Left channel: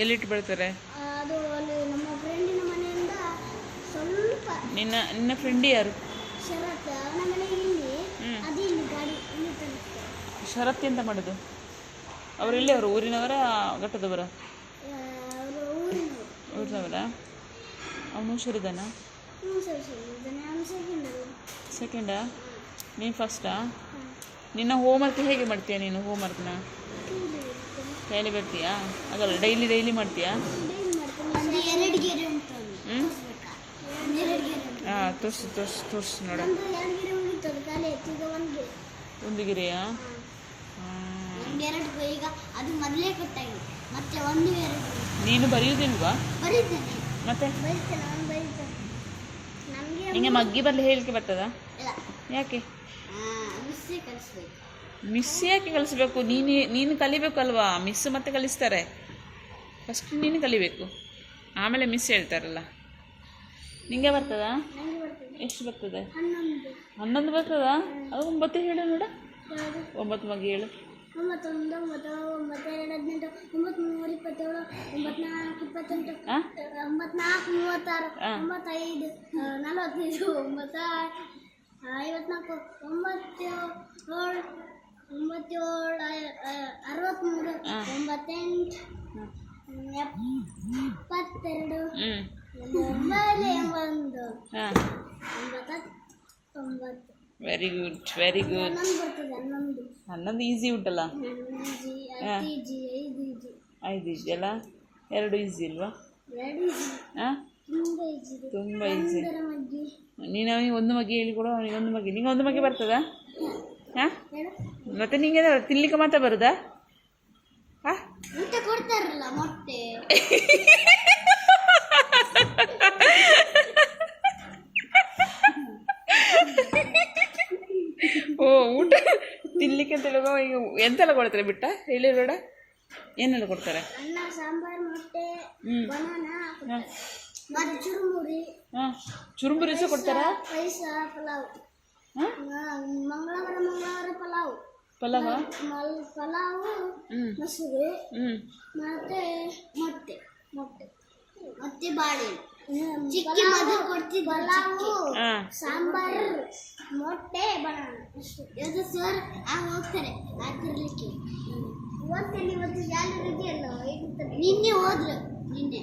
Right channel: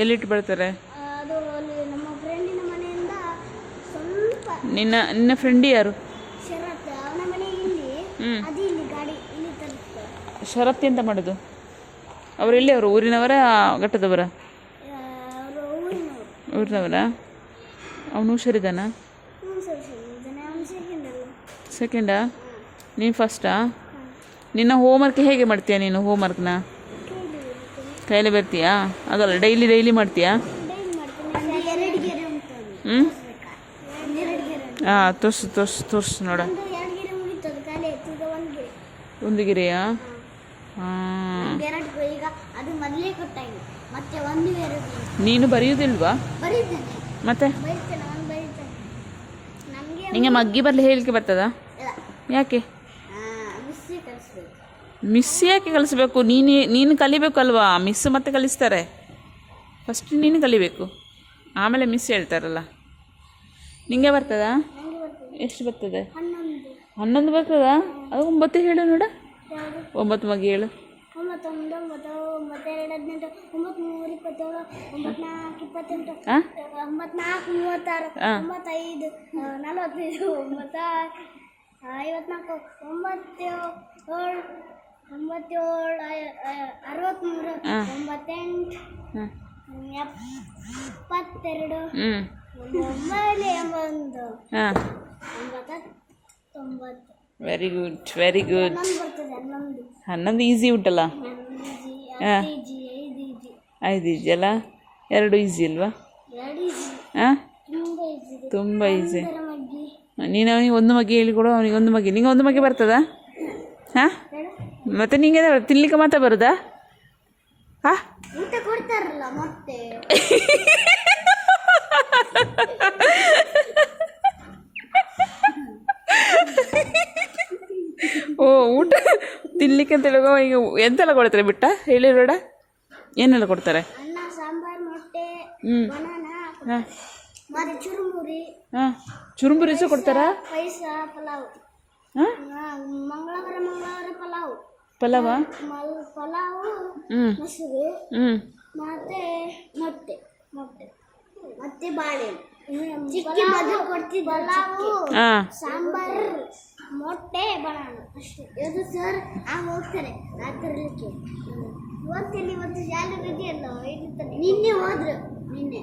ಎಲ್ಲಿಟ್ಟು ಬರ್ತಾರೆ? ಅದು ನಮ್ಮ ಫ್ರೆಂಡಿನ ಮನೆಯಿಂದ ಸ್ವಲ್ಪ. ನಿನ್ನ ಫ್ರೆಂಡ್ ಯಾರು? ಶರತ್. ಅವನ ಮನೆ ಇಲ್ಲಿ. ಅದು ಇಲ್ಲಿ ಗಾಡಿ ಇಲ್ಲಿ ತಲುಪ್ತಾರೆ. ಶರತ್ ಎಂತ ಮಾಡೋದು? ಅವರು ಎಲ್ಲಿ? ಅವರು ಊರಿನವರ ಘಟ್ಟದವರ? ಅವರು ಊರಿನವರ. ಅವನು ಹುಷಾರಿದ್ದಾನ? ಸೆಕೆಂಡಾ? ನೀನು ಫಸ್ಟಾ? ನಿನ್ನ ಹೋಮ್ವರ್ಕ್ ಹೇಗೆ ಮಾಡ್ತೀಯಾ ನೀನು? ಹೋಮ್ವರ್ಕ್ನ ಕೈಯಲ್ಲಿ ಬರ್ತೀಯಾ? ಅದಲ್ಲ, ಡೈಲಿ ಮಾಡ್ತೀಯಾ? ಹಾಂ, ತೋರ್ಸು ನೋಡ. ಒಂದು ಗಿರಿಯಾ? ಹಾಂ. ನೀನು ಬರೆಯುವುದಿಲ್ವಾ? ಮತ್ತೆ ನಿಂಗೆ ಮಗ್ಗಿ ಬರಲಿ ಹೇಳಲಿಕ್ಕೆ ಬರ್ತದಾ? ಯಾಕೆ ಮಿಸ್ ಯಾಕೆ ಕಲಿಸ್ಬೇಕು? ನೀನು ಕಲಿಬೇಕಲ್ವಾ? ಮಿಸ್ ಮತ್ತೆ ಕಲಿಸ್ತಾರೆ. ಫಸ್ಟ್ ನೀನು ಕಲಿಬೇಕು, ಆಮೇಲೆ ಮಿಸ್ ಹೇಳ್ತಾರಲ್ಲ. ನಿಂಗೆ ಬರ್ತದಾ? ಎಷ್ಟು ಬರ್ತದೆ? 11 ಬರ್ತದಾ? ಅದು 9 ಹೇಳು ನೋಡ. 9 ಮಗಿ ಹೇಳು. 9 1 9 9 2 18 9 3 27 9 4 28 9 4 36 95 45 9 54 97 63 98 72 91 ವೆರಿ ಗುಡ್. 11 ಈಸಿ ಉಂಟಲ್ಲ? 5 ಈಸಿ ಅಲ್ಲ? 2 ಈಸಿ ಅಲ್ವಾ? ಹಾಂ, ತುಂಬ ಈಸಿ. ನೀನು ಅವನಿಗೆ 1 ಮಗಿ ಹೇಳಿಕೊಡು. ಅವನಿಗೆ 1 ಮಗಿ. ನಿಂಗೆ 1 ಮಗಿ ಬರ್ತದಾ? ಹಾಂ, ಮತ್ತೆ ನಿಂಗೆ ತಿನ್ಲಿಕ್ಕೆ ಮಾತ್ರ ಬರುದಾ? ಹಾಂ, ಊಟ ಕೊಡ್ತಾರಲ್ಲ ಮೊಟ್ಟೆ. ಓ, ಊಟ ತಿನ್ಲಿಕ್ಕೆ ಅಂತ ಹೇಳುವ. ಈಗ ಎಂತೆಲ್ಲ ಕೊಡ್ತಾರೆ ಬಿಟ್ಟ ಹೇಳಿ ಬೇಡ? ಏನೆಲ್ಲ ಕೊಡ್ತಾರೆ? ಅನ್ನ, ಸಾಂಬಾರು, ಮೊಟ್ಟೆ, ಬನಾನಾ, ಚುರುಮುರಿ. ಹಾಂ, ಚುರುಮುರಿ ಸಹ ಕೊಡ್ತಾರಾ? ಪಾಯಸ, ಪಲಾವ್. ಮಂಗಳವಾರ ಪಲಾವ, ಪಲಾವು, ಮೊಸರು, ಮತ್ತೆ ಮೊಟ್ಟೆ ಮತ್ತೆ ಬಾಳೆಹಣ್ಣು. ಪಲಾವು, ಸಾಂಬಾರು, ಮೊಟ್ಟೆ, ಬನಾನ ಅಷ್ಟೇ. ಇವತ್ತು ಸರ್ ಹೋಗ್ತಾರೆ ತರಲಿಕ್ಕೆ. ಇವತ್ತಲ್ಲಿ ಇವತ್ತು ಶಾಲೆ ರಜೆ ಅಲ್ಲ, ನಿನ್ನೆ ಹೋದ್ರು. ನಿನ್ನೆ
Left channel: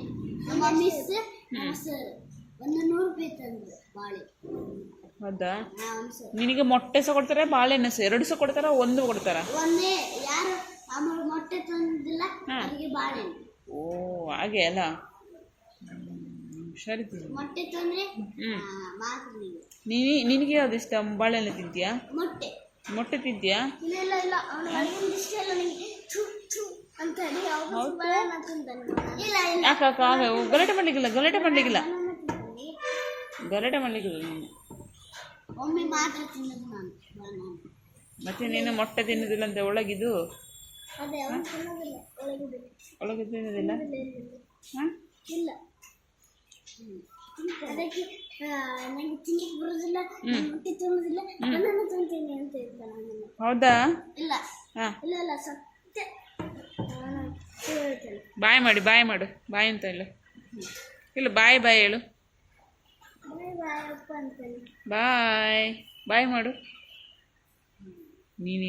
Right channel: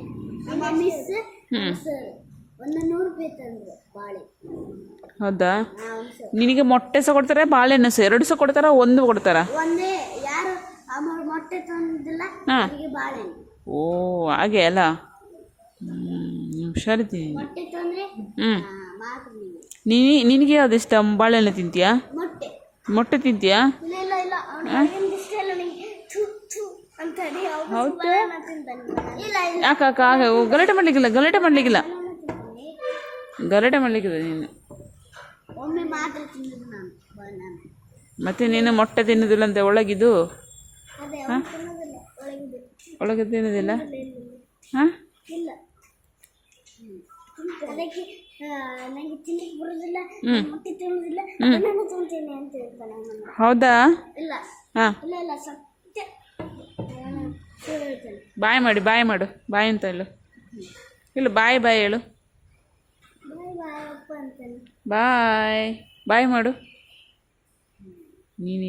ನಮ್ಮ ಮಿಸ್ ಸರ್ 100 ರೂಪಾಯಿ ತಂದ್ರು ಬಾಳೆ. ಹೌದಾ? ನಿನಗೆ ಮೊಟ್ಟೆ ಸಹ ಕೊಡ್ತಾರೆ, ಬಾಳೆಹಣ್ಣು ಸಹ? 2 ಸಹ ಕೊಡ್ತಾರ? 1 ಕೊಡ್ತಾರ? ಒಂದೇ. ಯಾರು ಮೊಟ್ಟೆ ತಂದಿಲ್ಲ ಅವರಿಗೆ ಬಾಳೆಹಣ್ಣು. ಓ, ಹಾಗೆ ಅಲ್ಲ? ಹುಷಾರಿದ್ದೀನಿ. ಮೊಟ್ಟೆ ತಂದ್ರೆ ನಿನಗೆ ಯಾವ್ದು ಇಷ್ಟ? ಬಾಳೆಹಣ್ಣು ತಿಂತೀಯಾ? ಮೊಟ್ಟೆ ತಿಂತೀಯಾ? ಗಲಾಟೆ ಮಾಡ್ಲಿಕ್ಕಿಲ್ಲ ನೀನು. ಒಮ್ಮೆ ಮಾತ್ರ ತಿನ್ನೋದು ನಾನು ಬನಾನಾ. ಮತ್ತೆ ನೀನು ಮೊಟ್ಟೆ ತಿನ್ನೋದಿಲ್ಲ ಅಂತ ಒಳಗಿದು? ಒಳಗೆ ತಿನ್ನೋದಿಲ್ಲ? ಹಾಂ, ಇಲ್ಲ. ಅದಕ್ಕೆ ನನಗೆ ತಿನ್ನಲಿಕ್ಕೆ ಬರೋದಿಲ್ಲ, ಮೊಟ್ಟೆ ತಿನ್ನೋದಿಲ್ಲ, ಬನಾನಾ ತಿಂತೇನೆ ಅಂತ ಹೇಳ್ತಾನೆ. ಹೌದಾ? ಇಲ್ಲ. ಹಾಂ, ಇಲ್ಲ ಸತ್ಯ. ಬಾಯ್ ಮಾಡು. ಬಾಯ್ ಅಂತ ಹೇಳು. ಇಲ್ಲ, ಬಾಯ್ ಹೇಳು. ಬಾಯ್ ಮಾಡು. ನೀನು